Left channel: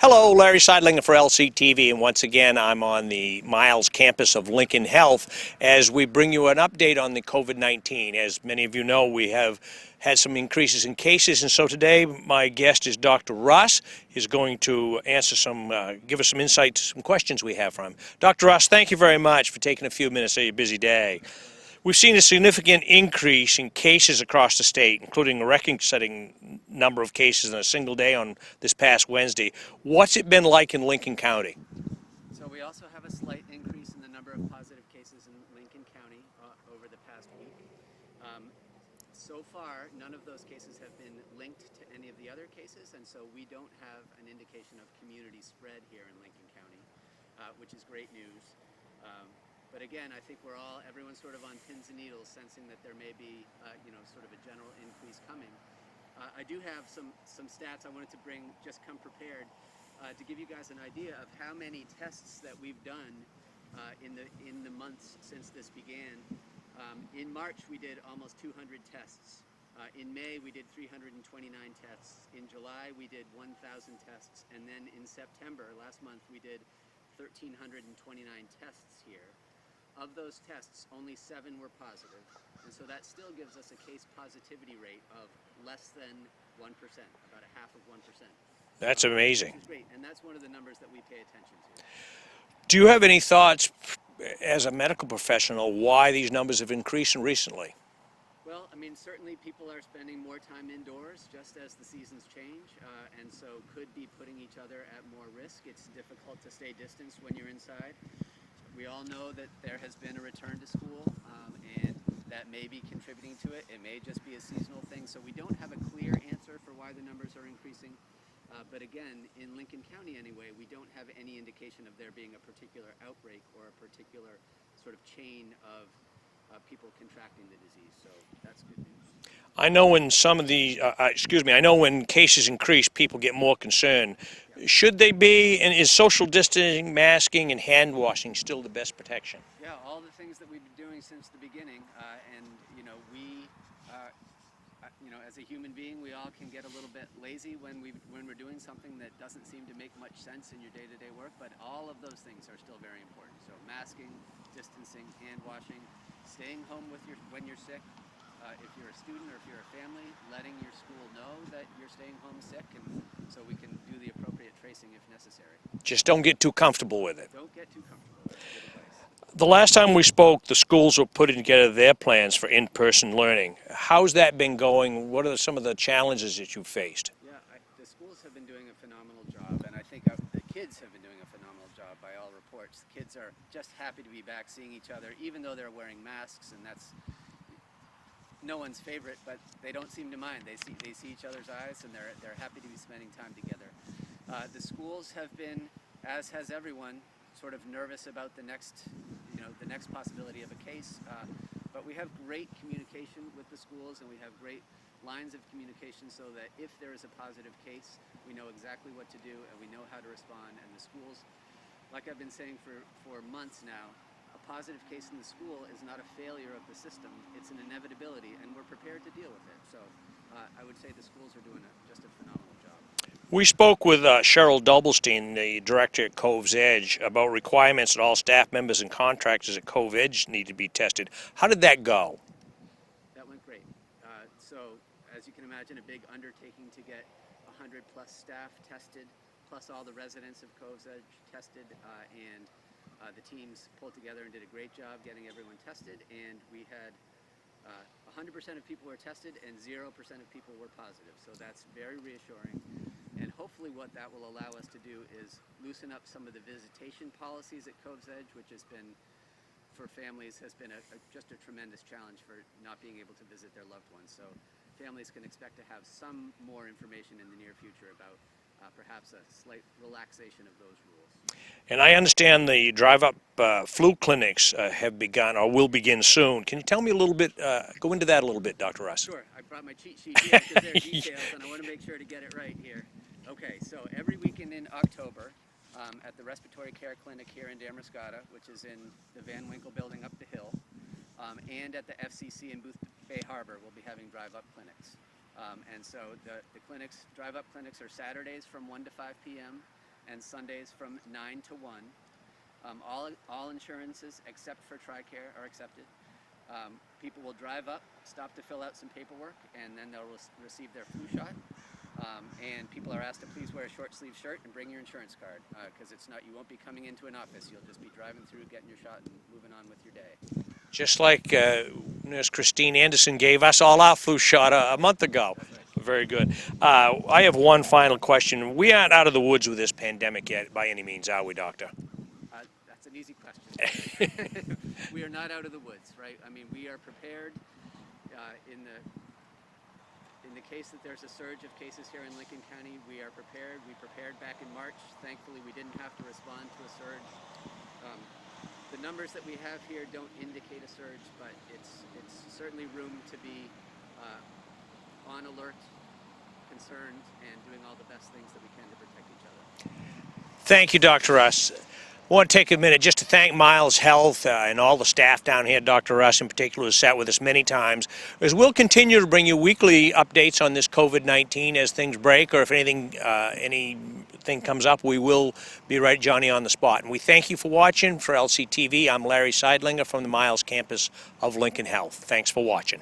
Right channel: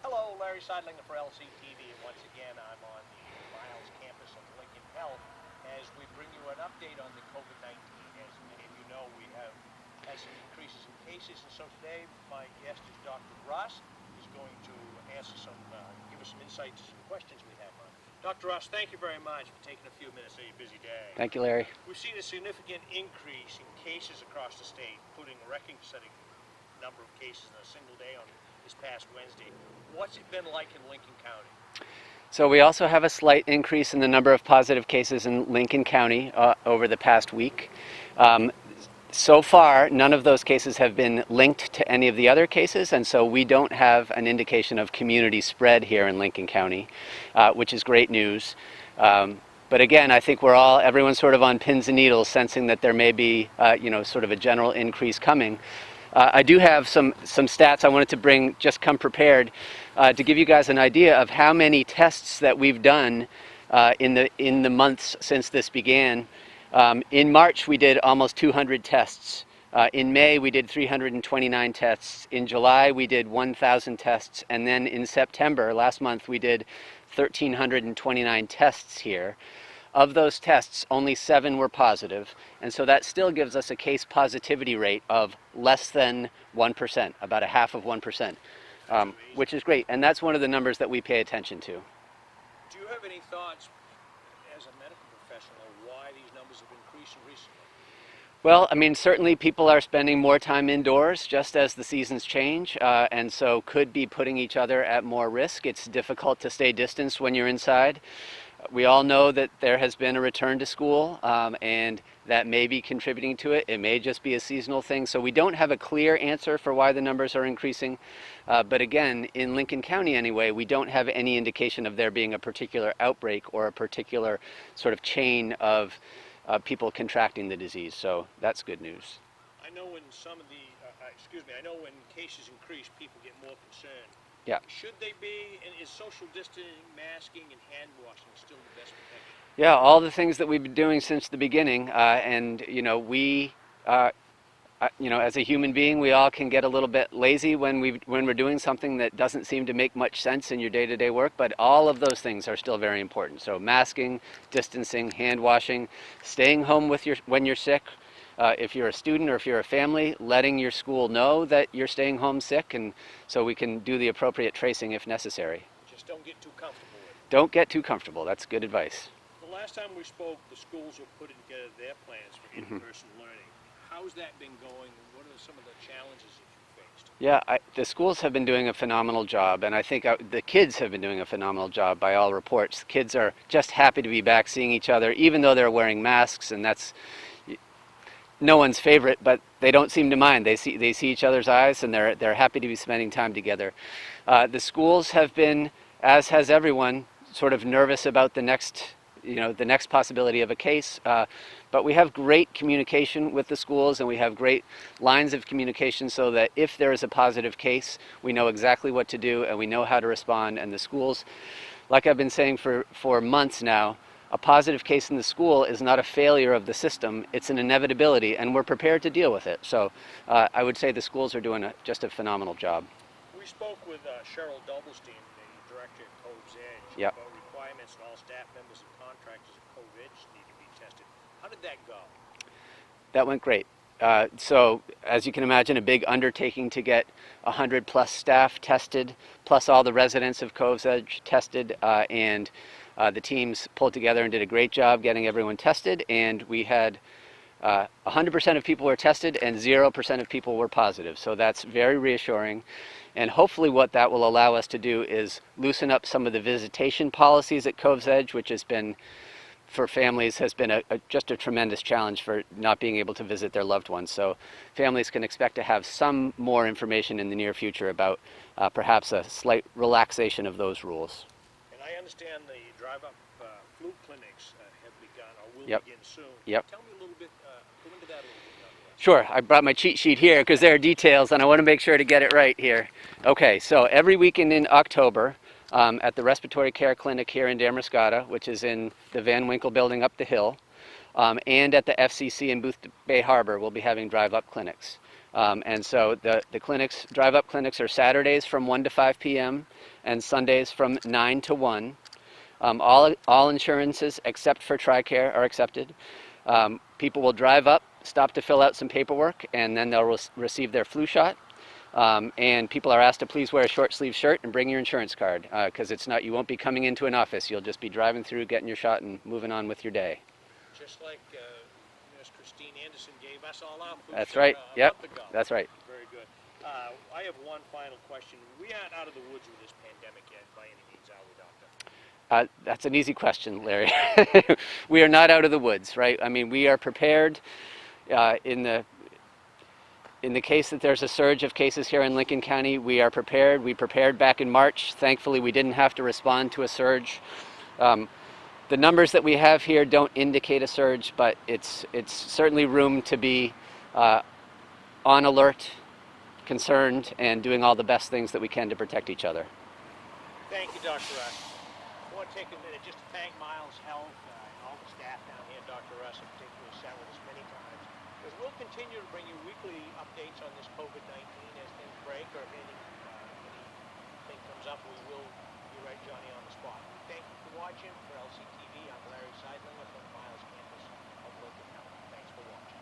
Hello, Larry Seidlinger for LCTV, and once again I'm on the Miles campus of Lincoln Health as we bring you an update on the COVID-19. As many of you know, we have had some increases in cases, and so today my guest is Dr. Russ. He's going to answer give us some insight to some questions we have for him. Dr. Russ, thank you very much for taking a few minutes of your busy day. Thank you, Larry. We've seen a significant increase in cases across the state, including a record-setting number of cases in a single day on this past Wednesday. What's it been like in Lincoln County? So we also have a slight increase in the number of positive cases in Lincoln County over the past week. So far, none of those cases have been linked to any of the other cases, and so we don't have an indication of community spread here in Lincoln County, which is great news. But again, I think everyone's sort of on pins and needles, sensing that there may be, sort of a general increase coming. I do have some stats I wanted to bring, just come prepared, to give you guys an idea of how many tests that we've done in the months since this began. In March, we did almost 200 tests. In May, we did 329 tests. In July, we did 1,000 tests. And then in September, last month, we did 1,329 tests here. Of those tests, only 7 were positive, and so that still gives us a case positivity rate of less than 1%, about a half of 1%. That's amazing. Which is great, and that's one of the numbers that we pay attention to. Do you have any thoughts as a medical professional why these numbers have increased recently? Well, I mean, certainly people are spending more time indoors just as the seasons change, and so could be putting each other at more risk. It's difficult to stay distanced when you're inside. We all know that there has been a return to school, and that may be contributing to it. It may just be a seasonal thing. So we don't have a clear answer for why the numbers are increasing. But again, in Lincoln County anyway, we don't have any indication of there being a particular outbreak or a particular sort of chain of people contracting the disease. So that's good news. I know when I know when cases increase, people get more concerned. Yeah. Should they be, and is social distancing, masking, and hand washing still the best protection? Yeah, all the things that we've been doing since the beginning, and we, as a human being, we all can get a little bit lazy when we're doing something that doesn't seem to make much sense in your day-to-day work, but all of those things are still very important. So masking, distancing, hand washing, staying home when you're sick. If you're a student or if you're a family, letting your school know that you're staying home sick, and so we can do the appropriate tracing if necessary. Just don't get too comfortable with it. Don't get too comfortable. That's good advice. The last time we spoke, the schools were putting together their plans for in-person learning. How's that been going? What are some of the challenges that you've faced? Yeah, the schools have been doing a phenomenal job, and I think the kids have been doing a phenomenal job by all reports. The kids are just happy to be back seeing each other, even though they're wearing masks, and that's no one's favorite, but they don't seem to mind. They see each other's eyes, and they're happy to be spending time together. The schools have been, as has everyone, sort of nervous about the next possibility of a case. But we have great communication with the schools, and we have great lines of communication so that if there is a positive case, we know exactly what to do and we know how to respond. And the schools, like I've been saying for months now, a positive case in the school is not a failure of the system, it's an inevitability, and we're prepared to deal with it. So I would say the schools are doing just a phenomenal job. We spoke with Cheryl Doublestein, the director at Cove's Edge, Yep. about requirements that all staff members and contractors at Cove Edge need to be tested. How did that go? That went great. So as you can imagine, a big undertaking to get 100 plus staff tested, plus all the residents of Cove's Edge tested, and the teams pulled together and did a great job getting everyone tested, and we had 100% of people were tested and 0% of people were positive. So that's very reassuring. And hopefully what that will allow us to do is loosen up some of the visitation policies at Cove's Edge, which has been, for families, has been just a tremendous challenge for not being able to visit their loved ones. So families can expect to have some more information in the near future about perhaps a slight relaxation of those rules. And I understand the drive-up flu clinics have begun or will begin soon. Can you tell me a little bit, go into that a little bit, Dr. Russ? Sure. I brought my cheat sheet here because there are details and I want to make sure to get it right here. Okay, so every weekend in October at the Respiratory Care Clinic here in Damariscotta, which is in the Van Winkle building up the hill, and at the FCC in Booth Bay Harbor, we'll be having drive-up clinics. And so the clinics, drive-up clinics are Saturdays from 1 to 5 p.m. and Sundays from 9 to 1. All insurances except for TRICARE are accepted. People will drive up, stop to fill out some paperwork, and then they'll receive their flu shot. And people are asked to please wear a short sleeve shirt and bring your insurance card, because you won't be coming into an office. You'll just be driving through, getting your shot, and moving on with your day. Just like Nurse Christine Anderson gave us all our flu shot a month ago. That's right. Very good. I have one final question. We aren't out of the woods with this pandemic yet by any means, are we, Doctor? That's an easy question, Larry. We are not out of the woods, right? I mean, we are prepared in the case that there's a surge of cases here in Lincoln County. We are prepared. We prepared back in March. Thankfully, we didn't have to respond to a surge. The numbers that we have here don't indicate a surge, but it's certainly room to be on alert, concerned, and doing all the best things that we can to protect each other. Thank you, Dr. Russ. I want to take a minute just to thank Miles Health and all the staff down here, Dr. Russ in particular, who sat with us many times, as we'll continue to bring you weekly updates on this COVID-19 as things break, or if anything comes up, we will be right Johnny on the spot. And we thank you for watching. For LCTV, I'm Larry Seidlinger from the Miles campus of Lincoln Health. Thanks for watching.